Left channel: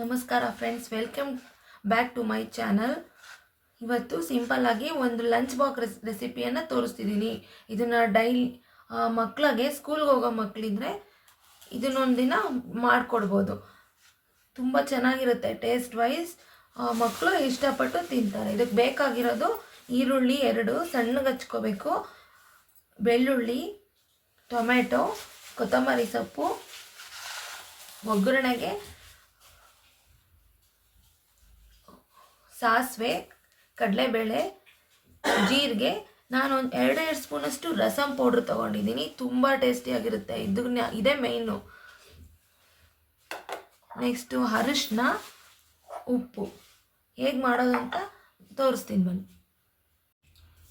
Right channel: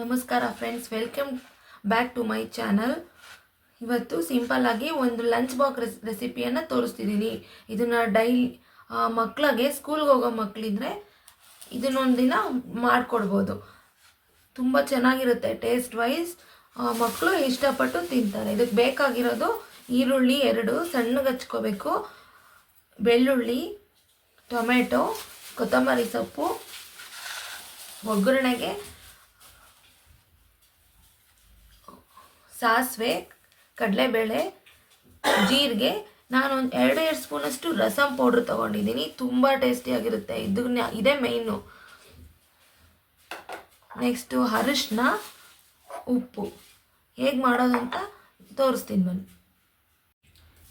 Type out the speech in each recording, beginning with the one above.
ನಮಸ್ಕಾರ friends, welcome back to my channel. ಇವತ್ತು simple ಆಗಿ ಒಂದು ಲಂಚ್ ಬಾಕ್ಸ್ ರೆಸಿಪಿಯನ್ನು ತೋರಿಸ್ತಿದ್ದೀನಿ. ಇದನ್ನು ಮಕ್ಕಳಿಗೆ ಸ್ಕೂಲ್ಗೆ ಹೋಗೋ ಮಕ್ಕಳಿದ್ರೆ ಇದನ್ನೊಂದು ದಿನ ಮಾಡಿಕೊಡ್ಬೋದು. ತುಂಬ ಚೆನ್ನಾಗಿರುತ್ತೆ. ಟೇಸ್ಟ್ ವೈಸ್ ಮಕ್ಕಳು ಇಷ್ಟಪಟ್ಟು ತಿಂತಾರೆ. ಇದಕ್ಕೆ ಬೇಕಾಗಿರೋದು ಈರುಳ್ಳಿ 2 ಸಣ್ಣಗೆ ಹಚ್ಕೋಬೇಕು, ಬೆಳ್ಳುಳ್ಳಿ, ಟೊಮೆಟೊ, ಕೊತ್ತಂಬರಿ ಸೊಪ್ಪು, ಒಗ್ಗರಣೆಗೆ ಸಾಸಿವೆ, ಕಡಲೆಬೇಳೆ, ಜೀರಿಗೆ. ನಾನು ಒಂದು 2 ಸ್ಪೂನಷ್ಟು ರಸಮ್ ಪೌಡ್ರ್ ತೊಗೊಂಡಿದ್ದೀನಿ. ತುಂಬ ಟೇಸ್ಟಿಯಾಗಿರುತ್ತೆ. ಇದೇ ಮೇಯ್ನು. ನೆಕ್ಸ್ಟು ಅರಿಶಿನ, ಉಪ್ಪು. ಹೇಗೆ ಮಾಡೋದು ಅಂತ ತೋರಿಸ್ತೀನಿ ಬನ್ನಿ.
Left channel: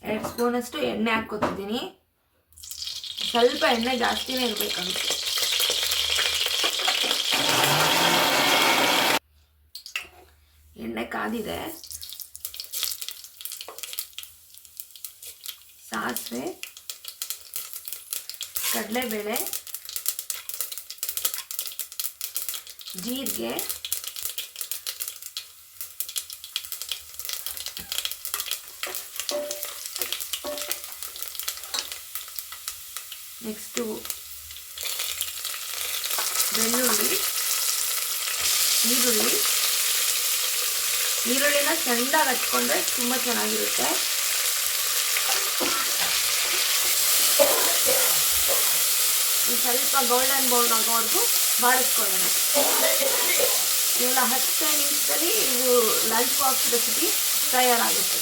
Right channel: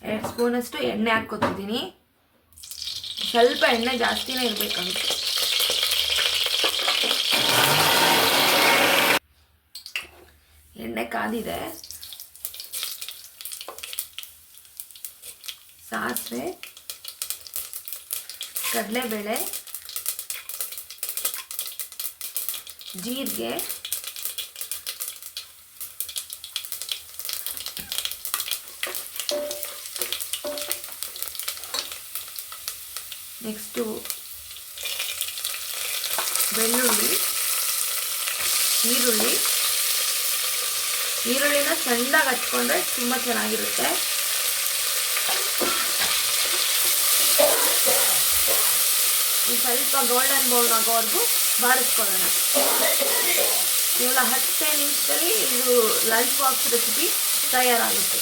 2 ಸ್ಪೂನಷ್ಟು ಎಣ್ಣೆ ಹಾಕ್ಕೊತಿದ್ದೀನಿ. ಸ್ವಲ್ಪ ಎಣ್ಣೆ ಜಾಸ್ತಿನೇ ಇರಬೇಕಾಗುತ್ತೆ. ಎಣ್ಣೆ ಕಾದಿದೆ. ಸಾಸಿವೆ, ಕಡಲೆಬೇಳೆ, ಜೀರಿಗೆ, ನೆಕ್ಸ್ಟು ಬೆಳ್ಳುಳ್ಳಿ, ಈರುಳ್ಳಿನ ಸಣ್ಣದಾಗಿ ಹಚ್ಕೊಂಡ್ರೆ ತುಂಬ ಚೆನ್ನಾಗಿರುತ್ತೆ. ಸ್ವಲ್ಪ ಗೋಲ್ಡನ್ ಬ್ರೌನ್ ಆಗೋವರೆಗೂ ಬಾಡಿಸ್ಕೊಳ್ಳೋಣ. ಇವೆಲ್ಲ 10 ನಿಮಿಷದಲ್ಲಿ ಇದು ಲಂಚ್ ಬಾಕ್ಸ್ ರೆಸಿಪಿ ತಯಾರಾಗುತ್ತೆ.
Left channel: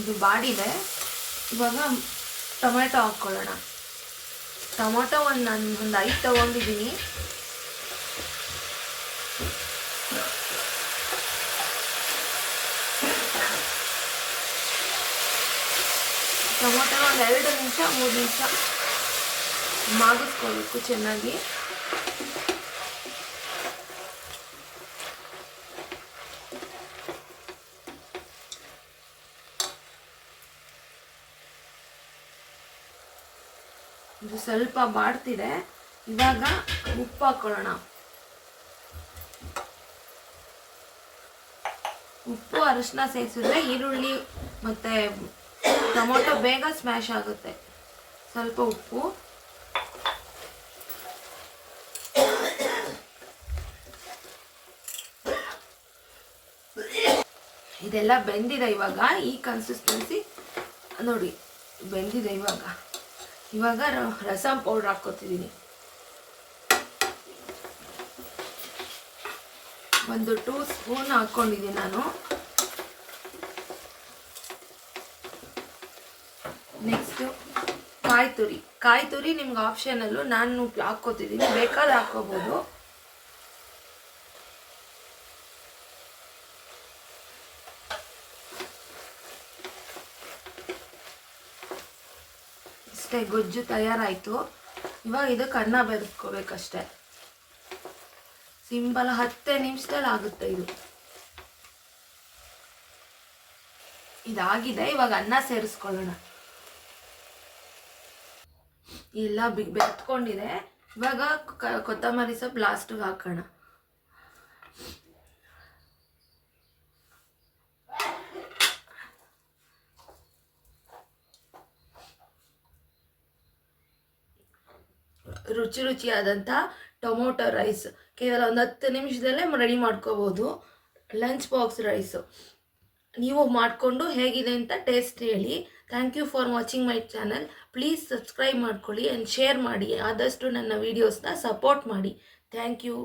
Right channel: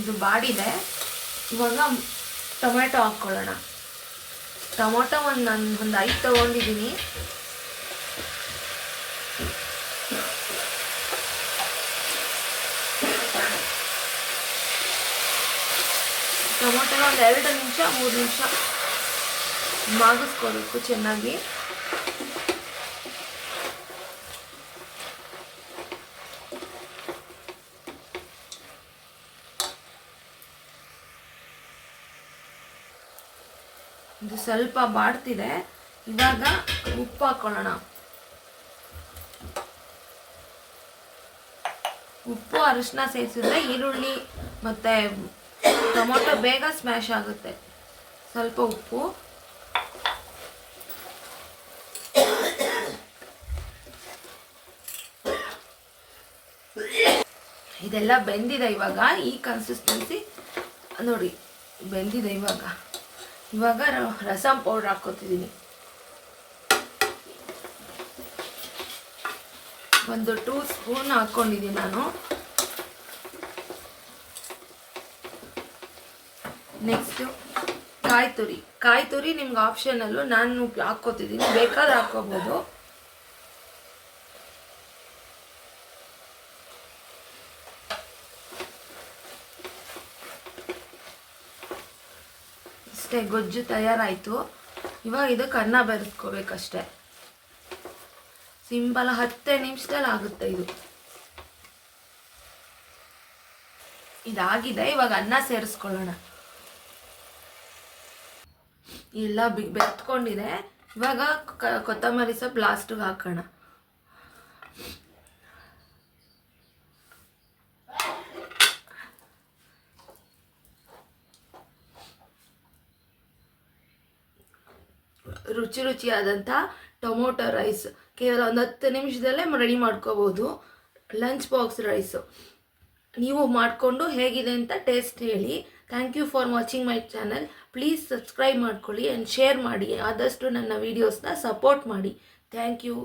ಇದು ಬಾಡಿದೆ. ಇವಾಗ ಟೊಮೆಟೊ ಹಾಕ್ಕೊಳ್ಳೋಣ. ಟೊಮೊಟೊ ನಾನು ಒಂದು 5 ತೊಗೊಂಡಿದ್ದೀನಿ. ಟೊಮೊಟೊನ ಒಂದು 2 ನಿಮಿಷ 3 ನಿಮಿಷ ಮಾಗಿಸ್ಕೋಬೇಕು ಚೆನ್ನಾಗಿ. ಇದು ಸ್ವಲ್ಪ ಬಾಡ್ತಿದೆ. ಇವಾಗ ಉಪ್ಪು ಹಾಕೊಳ್ಳೋಣ. ಉಪ್ಪು ಅರಿಶಿನ ಸೇರಿಸಿದ್ರೆ ಈರುಳ್ಳಿ ಮತ್ತು ಟೊಮೊಟೊ ಬೇಗ ಸ್ಮ್ಯಾಶ್ ಆಗುತ್ತೆ. ಸ್ವಲ್ಪ ಉಪ್ಪು, ಇದೆಲ್ಲ ಬೆಂದಿದೆ. ಇವಾಗ ಈ ಕನ್ಸಿಸ್ಟೆನ್ಸಿ ನೋಡಿ, ಬೆಂದಿದೆ. ಇವಾಗ ರಸಮ್ ಪೌಡ್ರ್ ಹಾಕ್ಕೋತಿದ್ದೀನಿ. ಒಂದು 2 ಸ್ಪೂನ್ ಹಾಕ್ಕೊಂಡಿದ್ದೀನಿ ನಾನು. ನೆಕ್ಸ್ಟು ಕಾಯಿ ತುರಿ ನಿಮ್ಗೆ ಆಪ್ಷನಲ್ಲು. ನಾನು ಹಾಕ್ಕೋತಿದ್ದೀನಿ, ಬೇಕಾದ್ರೆ ಹಾಕ್ಕೋಬೋದು. ಅಷ್ಟೇ, ಗೊಜ್ಜು ತಯಾರಾಯಿತು. ಇವಾಗ ಇದಕ್ಕೆ ಅನ್ನ ಬೆರೆಸ್ಕೋಬೇಕಷ್ಟೆ. ಸಿಂಪಲ್ 10 ನಿಮಿಷದಲ್ಲಿ ಆಗುತ್ತೆ ಇದು. ಇದಾಗಿದೆ. ಇವಾಗ ಅನ್ನ ಸೇರಿಸ್ಕೊಳ್ಳೋಣ. ಎಲ್ಲ ಬೆತ್ಕೊಂಡಿದೆ. ಇವಾಗ ಕೊತ್ತಂಬರಿ ಸೊಪ್ಪು ಲಾಸ್ಟಿಗೆ ಹಾಕೋಣ. ರುಚಿಯಾದಂಥ ಟೊಮೊಟೊ ರೈಸ್ ಕೇವಲ ಒಂದು 10 ನಿಮಿಷದಲ್ಲೇ ರೆಡಿ ಮಾಡ್ಕೋಬೋದು. ಲಂಚ್ ಬಾಕ್ಸ್ ರೈಸು ನೀವು ಮಾಡಿಕೊಂಡು ಹೇಗಿದೆ ಅಂತ ಟೇಸ್ಟ್ ಹೇಳಿ. Thank you for watching my channel. Please subscribe ಮಾಡ್ಕೊಳ್ಳಿ ಆ್ಯಂಡ್ ಶೇರ್ ಮಾಡಿ. ಆದಷ್ಟು ನನ್ನ ವೀಡಿಯೋಸ್ನ ಸಪೋರ್ಟ್ ಮಾಡಿ. Thank you.